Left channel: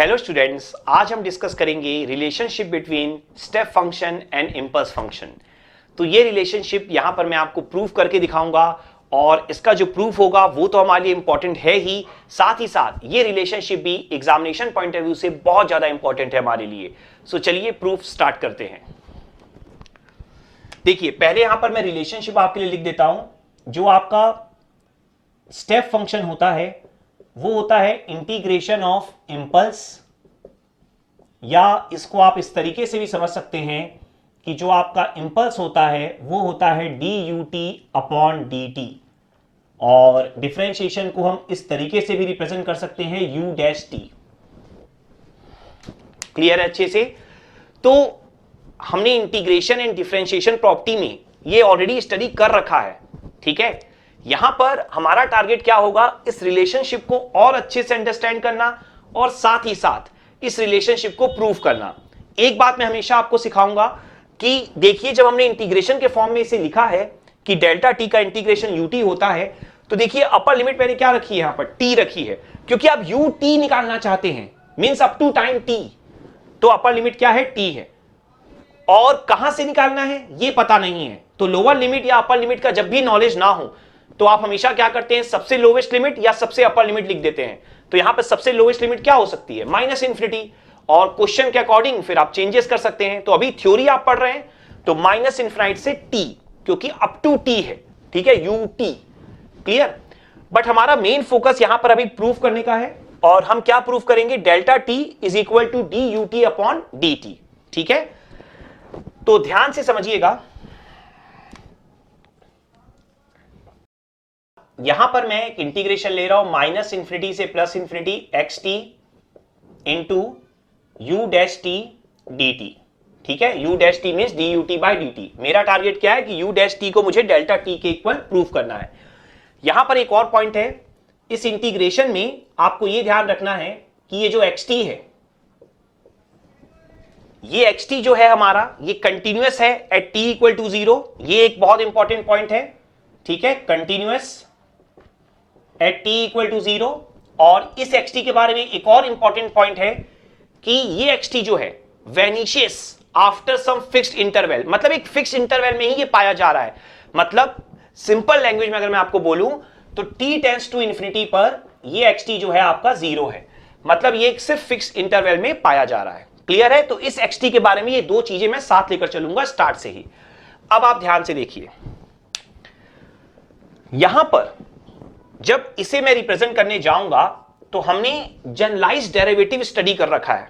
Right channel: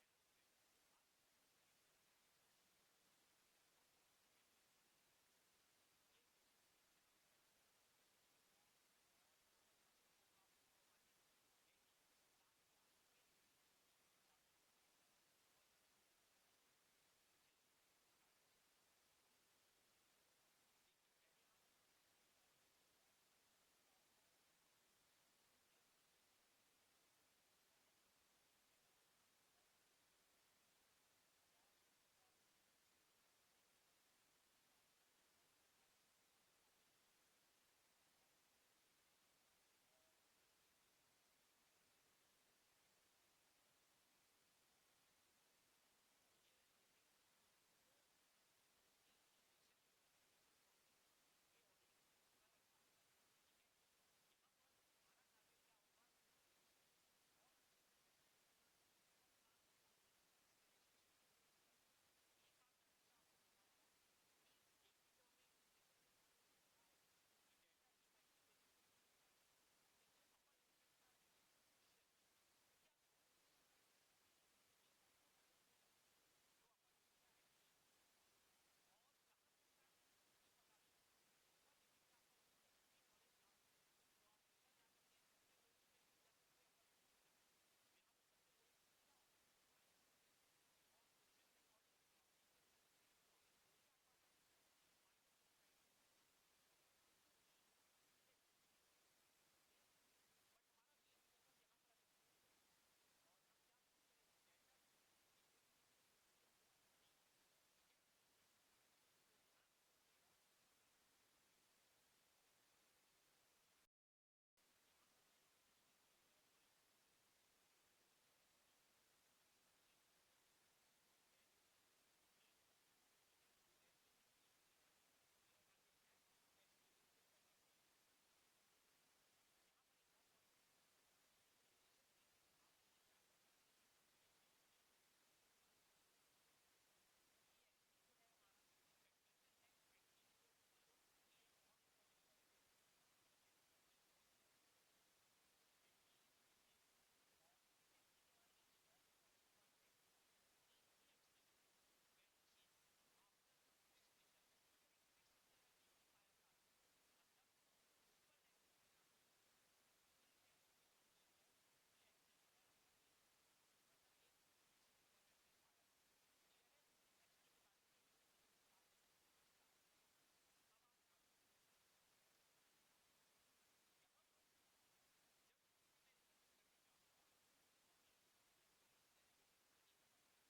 Hello students, आज हम discuss करेंगे relationship between step function and impulse function. तो ये रिलेशनशिप यहां पर मैं आपको प्रूफ करके दिखाऊंगा और इसका जो प्रूफ होगा वो तो हमारे लिए इंपॉर्टेंट है ही साथ ये रिलेशनशिप भी एग्जामिनेशन पॉइंट ऑफ व्यू से बहुत ज्यादा इंपॉर्टेंट है हमारे लिए। सो चलिए प्रूफ स्टार्ट करते हैं। देखिए, पहले यहां पर मैं रिलेशनशिप आपके लिए लिख देता हूं। जो आपका स्टेप फंक्शन होता है वो होता है इंटीग्रेशन ऑफ इंपल्स, या इसको आप इस तरीके से भी समझ सकते हैं कि जो आपका इंपल्स होता है वो होता है D U T upon D T, और डिफरेंशिएशन को हम इस तरीके से भी रिप्रेजेंट कर सकते हैं यू डैश टी। क्लियर है अच्छे से? तो हमने इंटीग्रेशन एंड डिफरेंशिएशन प्रॉपर्टी में ये ऑलरेडी स्टडी कर रखा है, ठीक है। यहां पर हमारा टारगेट क्या होगा, इस रिलेशनशिप को और अच्छे से अंडरस्टैंड करना और साथ ही साथ इस रिलेशनशिप को प्रूव करना। एक बात मैं हमेशा आपको सिखाऊंगा कि देखिए, जब हमने इंटीग्रेशन के फॉर्म में इसे लिखा है कि डेल्टा टी का इंटीग्रेशन यू टी होता है, तो देखिए अपर लिमिट मैंने क्या रखी है, यहां पर टी रखी है, क्योंकि आप यू टी निकालना चाहते हैं, means up to time T. तो अपर लिमिट क्या है, टी है, और कहां से निकालना है ये पता नहीं है। तो लोअर लिमिट या अपर लिमिट का जब भी नॉलेज ना हो तो आप हमेशा क्या करते हैं, सबसे लोवेस्ट लिमिट या सबसे अपर लिमिट लिख देते हैं। तो यहां पर सबसे लोवेस्ट लिमिट क्या हो सकती है, माइनस इन्फिनिटी, और क्वेश्चन के अकॉर्डिंग फिर आप चेंजेस कर सकते हैं। तो अभी थ्योरी आप पढ़ रहे हैं तो माइनस इन्फिनाइट से टी, क्योंकि अप टू टी है, ठीक है, यू टी। क्लियर? बट हमारा मेन फोकस यहां पर अभी प्रूफ करने का है, और हम क्या प्रूफ करेंगे, delta T is equal to D U T upon D T, ठीक है। तो ध्यान से समझिएगा, यहां पर मैं एक इंटीग्रेशन ले रहा हूं माइनस इंफिनिटी से plus infinity x T into you dash T D T, ठीक है। You dash T means D U T by D T. मेरा टारगेट क्या है कि यू डैश टी को मुझे डेल्टा टी के इक्वल प्रूफ करना है। यहां पर एक और पॉइंट है, इस इंटीग्रेशन में आपको यह ध्यान रखना है कि ये जो एक्स टी है, ये एक्स टी जो है हमारा, ये कंटिन्यूअस है at T equal to zero. ये एक बहुत इंपॉर्टेंट पॉइंट है, ठीक है, continuous at T equal to zero. और इस एक्स टी के बारे में एक और इंपॉर्टेंट पॉइंट है कि ये एक्स टी जो है vanishes after some fixed interval, मतलब एक फिक्स्ड इंटरवल में ही ये पाया जा रहा है। मतलब सिंपल लैंग्वेज में अगर मैं आपको बोलूं तो टी टेंड्स टू इंफिनिटी पर ये एक्स टी जो है आपका जीरो है, मतलब ये सिर्फ फिक्स्ड इंटरवल में पाया जा रहा है। क्लियर है? तो इस एक्स टी के बारे में ये दो चीजें मैं साथ लेकर चलूंगा स्टार्ट से ही। अब आप ध्यान से देखिए, यहां पर जब इसे मैं रिप्रेजेंट करने जाऊंगा तो हमने जनरलाइज्ड डेरिवेटिव स्टडी कर रखा है,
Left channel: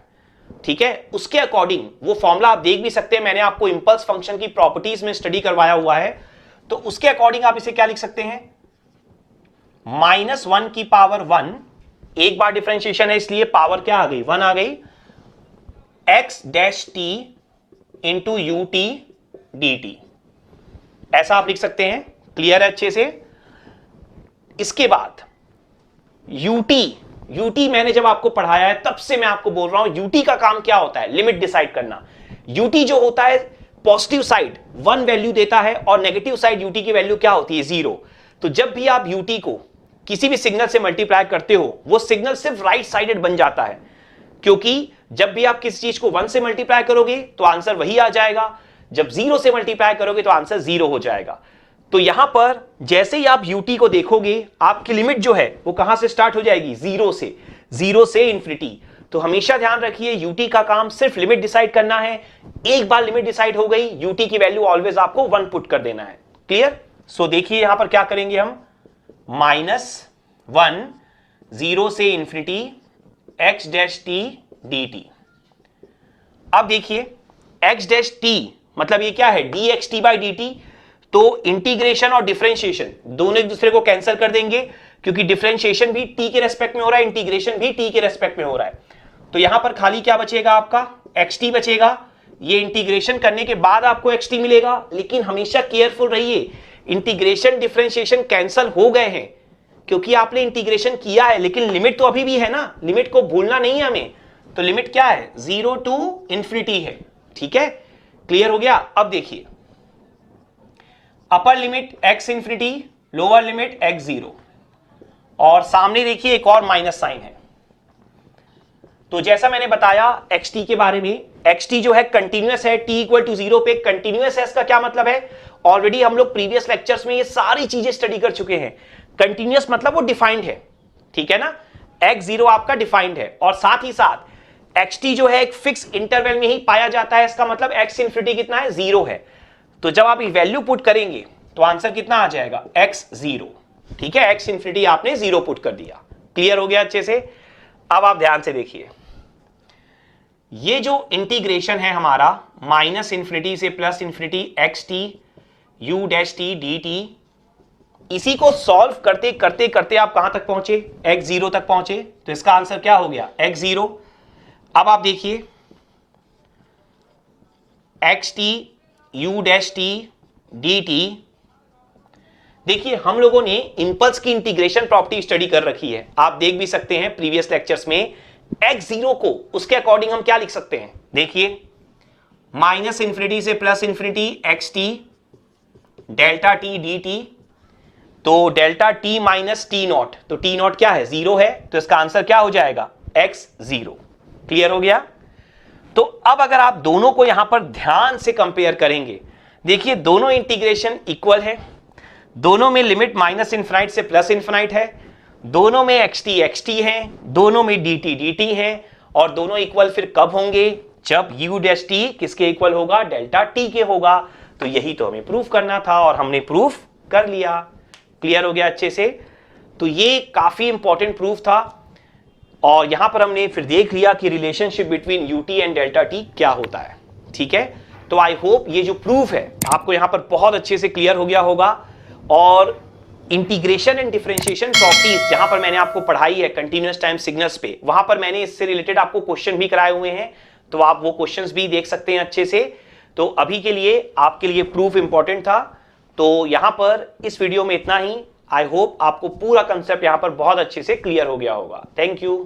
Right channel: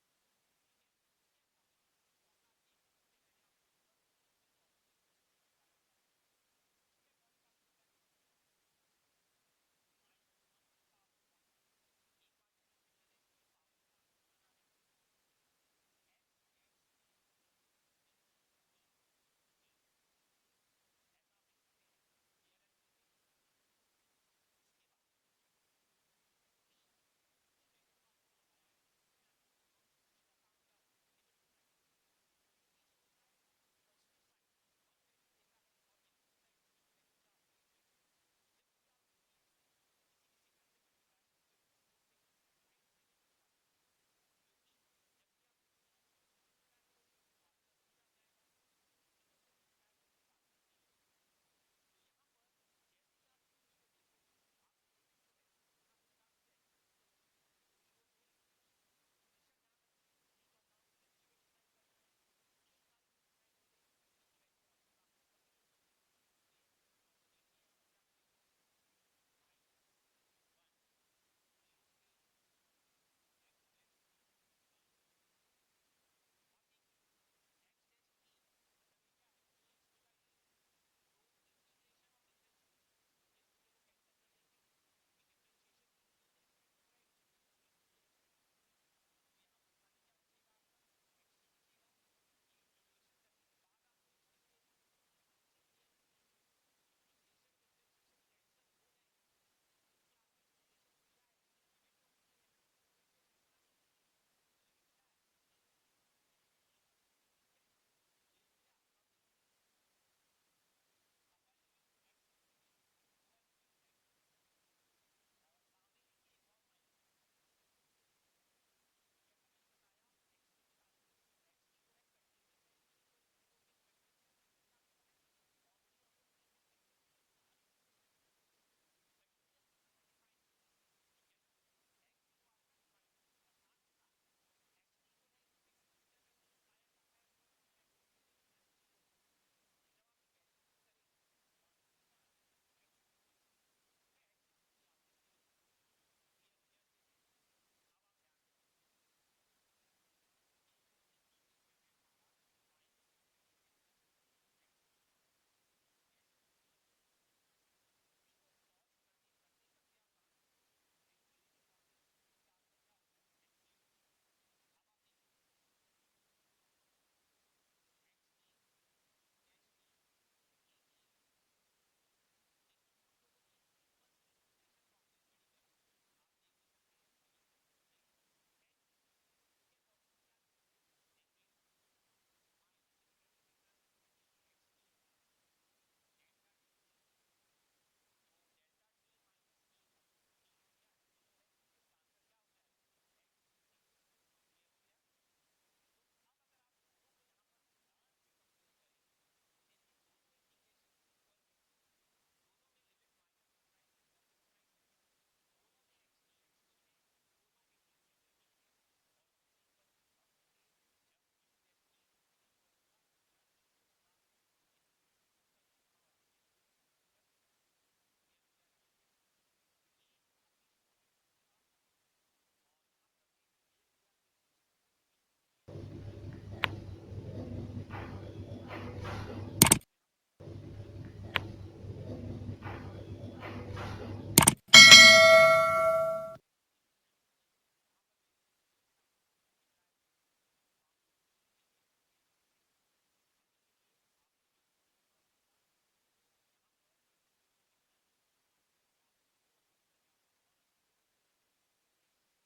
ठीक है। उसके अकॉर्डिंग वो फॉर्मूला आप देख भी सकते हैं, मैंने आपको इंपल्स फंक्शन की प्रॉपर्टीज में स्टडी करवाया हुआ है। तो उसके अकॉर्डिंग आप इसे क्या लिख सकते हैं, माइनस वन की पावर वन, एक बार डिफरेंशिएशन है इसलिए पावर क्या आ गई, वन आ गई, x dash T into U T D T, ऐसा आप लिख सकते हैं। क्लियर है अच्छे से? इसके बाद यूटी मैंने जब आपको पढ़ाया है तब से मैं आपको बोल रहा हूं, यूटी का काम क्या होता है, लिमिट डिसाइड करना। यूटी जो होता है पॉजिटिव साइड वन वैल्यू देता है और नेगेटिव साइड यूटी की वैल्यू क्या होती है, जीरो। तो जब भी आप यूटी को किसी भी सिग्नल से मल्टीप्लाई करते हो वो सिग्नल सिर्फ राइट साइडेड बन जाता है, क्योंकि जब भी आप किसी चीज को वन से मल्टीप्लाई करोगे तो आंसर वही आ जाएगा, जब जीरो से मल्टीप्लाई करोगे तो आंसर जीरो हो जाएगा। तो यहां पर जैसे ही आप यूटी को देखोगे आपकी लिमिट जो है वो कहां से स्टार्ट हो जाएगी, जीरो से इंफिनिटी। तो हमेशा ध्यान रखिए, यूटी का काम सिर्फ लिमिट डिसाइड करना है। एक बार लिमिट डिसाइड हो गई, यूटी की वैल्यू ऑलवेज आपको वन पुट कर देना है। क्लियर? सो देखिए यहां पर क्या करेंगे हम, माइनस वन जीरो से infinity x dash T D T. अब देखिए एक्स डैश टी मतलब ये क्या है, D x T by D T. तो इंटीग्रेशन और डिफरेंशिएशन दोनों एक दूसरे को कैंसिल कर देंगे, क्योंकि डिफरेंशिएशन भी टी के रेस्पेक्ट में हो रहा है, इंटीग्रेशन भी टी के रेस्पेक्ट में हो रहा है। तो यहां पर खाली क्या बचेगा, आपका एक्स टी बचेगा। ये इंटीग्रेशन करने के बाद आपको एक्स टी मिलेगा, लेकिन हमेशा केयरफुल रहिए, इंटीग्रेशन डिफरेंशिएशन कैंसिल हो गए हैं क्योंकि आपने इंटीग्रेशन किया है, लेकिन लिमिट तो अभी भी है ना, लिमिट को भूलना नहीं है हमें। तो लिमिट क्या है, जीरो टू इंफिनिटी है, ठीक है। क्लियर हो गया? अब देखिए, upper limit x infinity, lower limit x zero, और सामने देखिए एक और माइनस साइन है। तो जैसा मैंने बताया xt के बारे में, xt जो है कंटिन्यूअस है, t इक्वल टू 0 पे कंटिन्यूअस है, इसका क्या मतलब है? ऑलरेडी हम लोग प्रीवियस लेक्चर्स में ये सारी चीजें स्टडी कर चुके हैं। कंटिन्यूअस मतलब वो डिफाइंड है, ठीक है ना, x0 आपका डिफाइंड है, और साथ ही साथ xt जो है एक फिक्स इंटरवल में ही पाया जाता है, इसका मतलब x इंफिनिटी कितना है? 0 है। तो जब आप ये वैल्यू पुट करेंगे तो आंसर कितना आ जाएगा? x0, ठीक है, x इंफिनिटी आपने 0 पुट कर दिया। क्लियर हो गया अच्छे से? अब आप ध्यान से देखिए, ये जो इंटीग्रेशन है हमारा माइनस इंफिनिटी से plus infinity xt u dash t dt, इसी को सॉल्व करते करते करते आप कहां तक पहुंचे? x0 तक पहुंचे। तो इसका आंसर क्या हो गया? x0। अब आप देखिए xt u dash t dt, देखिए हम लोगों ने इंपल्स की इंटीग्रेशन प्रॉपर्टी स्टडी कर रखी है, आप देख भी सकते हैं प्रीवियस लेक्चर्स में। x0 को उसके अकॉर्डिंग हम क्या लिख सकते हैं? देखिए माइनस इंफिनिटी से plus infinity xt delta t dt, तो delta t minus T not, तो टी नॉट क्या है? 0 है, तो इसका आंसर क्या हो जाएगा? x0। क्लियर हो गया? तो अब अगर आप दोनों को यहां पर ध्यान से कंपेयर करेंगे, देखिए दोनों इंटीग्रेशन इक्वल है, दोनों में लिमिट माइनस इनफिनाइट से प्लस इनफिनाइट है, दोनों में xt है, दोनों में dt है, और दोनों इक्वल फिर कब होंगे? जब u डैश t किसके इक्वल होगा? डेल्टा t के होगा। तो यही तो हमें प्रूफ करना था और हमने प्रूफ कर लिया। क्लियर हो गया अच्छे से? तो ये काफी इंपॉर्टेंट प्रूफ था, और यहां पर हमने फिर देख लिया कि relationship between ut and delta t क्या होता है। ठीक है, तो आई होप ये जो प्रूफ है आपको यहां पर बहुत अच्छे से क्लियर हो गया होगा। और इंटीग्रेशन एंड डिफरेंशिएशन प्रॉपर्टीज जहां पर मैंने आपको पढ़ाई है कंटीन्यूअस टाइम सिग्नल्स पे, वहां पर मैंने इससे रिलेटेड आपको क्वेश्चन भी कराए हुए हैं, तो आप वो क्वेश्चंस भी देख सकते हैं अच्छे से। तो अभी के लिए आपके लिए प्रूफ इंपॉर्टेंट था, तो यहां पर इस वीडियो में इतना ही। आई होप आपको पूरा कंसेप्ट यहां पर बहुत अच्छे से क्लियर हो गया होगा। Thank you.